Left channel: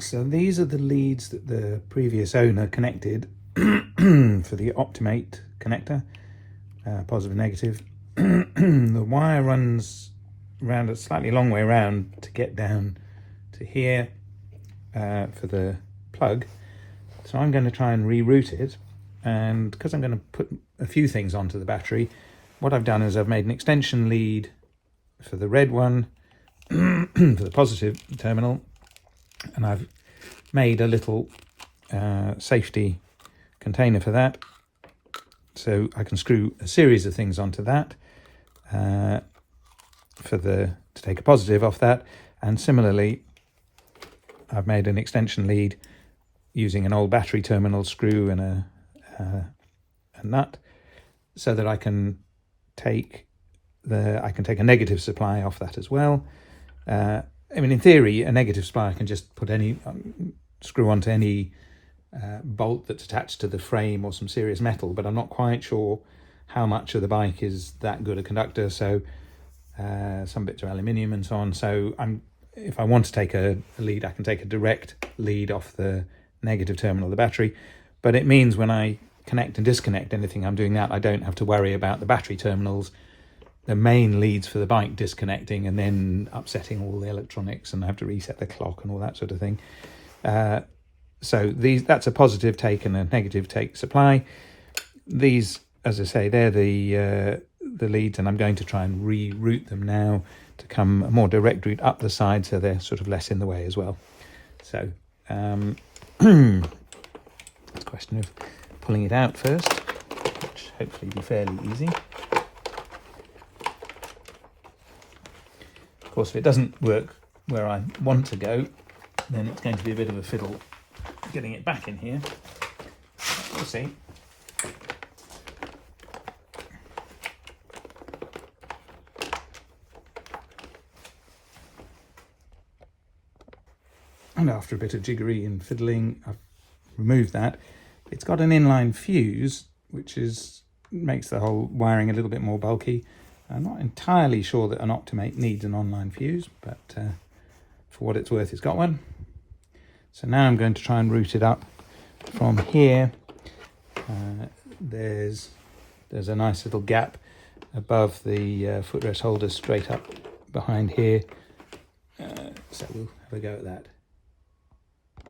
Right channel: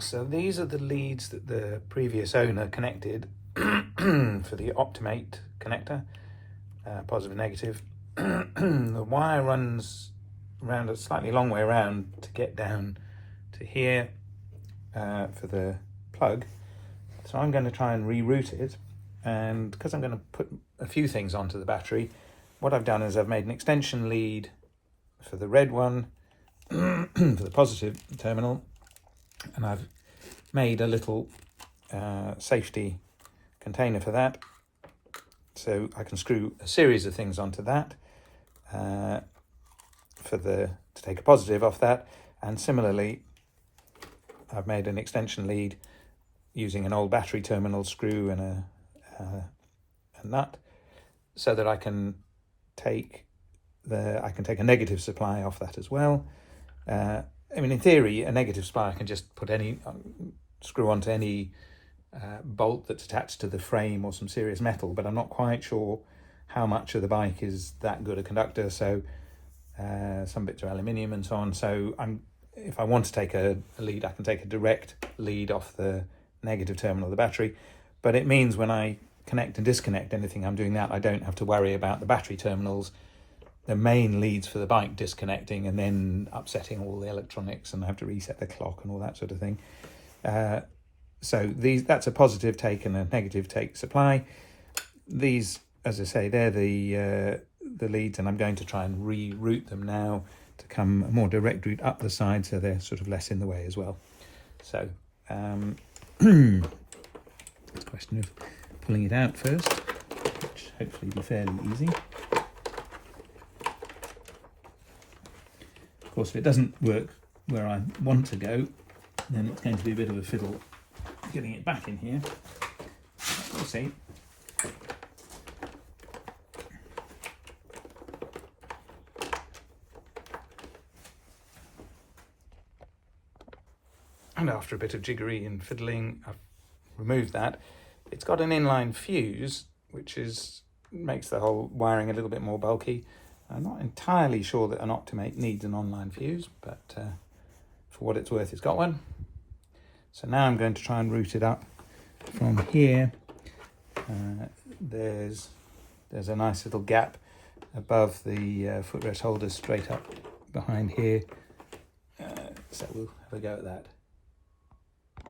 So these are the leads that the previous owner connected for the Optimate connector, positive and negative. The wire runs around a slightly long way around to get down to here for the plug. So I'm going to try and reroute it, and because I'm going to put a few things onto the battery, what I've done is I've made an extension lead for the red one for the positive terminal, and I've made a little safety container for that, so I can screw a series of things onto that to take a positive off that. And similarly, I've made an extension lead using an old battery terminal screw and a nut, so that I can take a negative supply off that as well. I mean, in theory, a negative supply I can just put screw onto any bolt that's attached to the frame or some serious metal, but I'm not quite sure how much of the bike is that good a conductor. So some bits are aluminium and so on. So if I want to take a lead, I can take a direct lead off the negative terminal of the battery. But it means when I connect and disconnect anything, I'm doing that. I don't have to worry about the battery terminals, the main leads for the bike, disconnecting and then upsetting all the electronics, and I have to reset the clock and all that sort of thing. So that's a positive take and a negative take supply. These, as I say, they're the leads, and I'm going to try and reroute them now to come a more direct route up the side, so they're sort of less in the way as well. So it's a question of pulling it out first, which hopefully will be fairly easy. Of course, if it doesn't work where I want to go, then it's going to be a bit of a fiddle getting it back in here. We'll see. And after a bit of jiggery and fiddling, I've removed that. It's got an inline fuse, which makes the whole wiring a little bit more bulky. I'm not entirely sure that an Optimate needs an online fuse, but for what it's worth, it's got one. So now I'm going to try and route it up from here. There's a nice little gap above the footrest holder straight up behind here. So we'll have a go at that.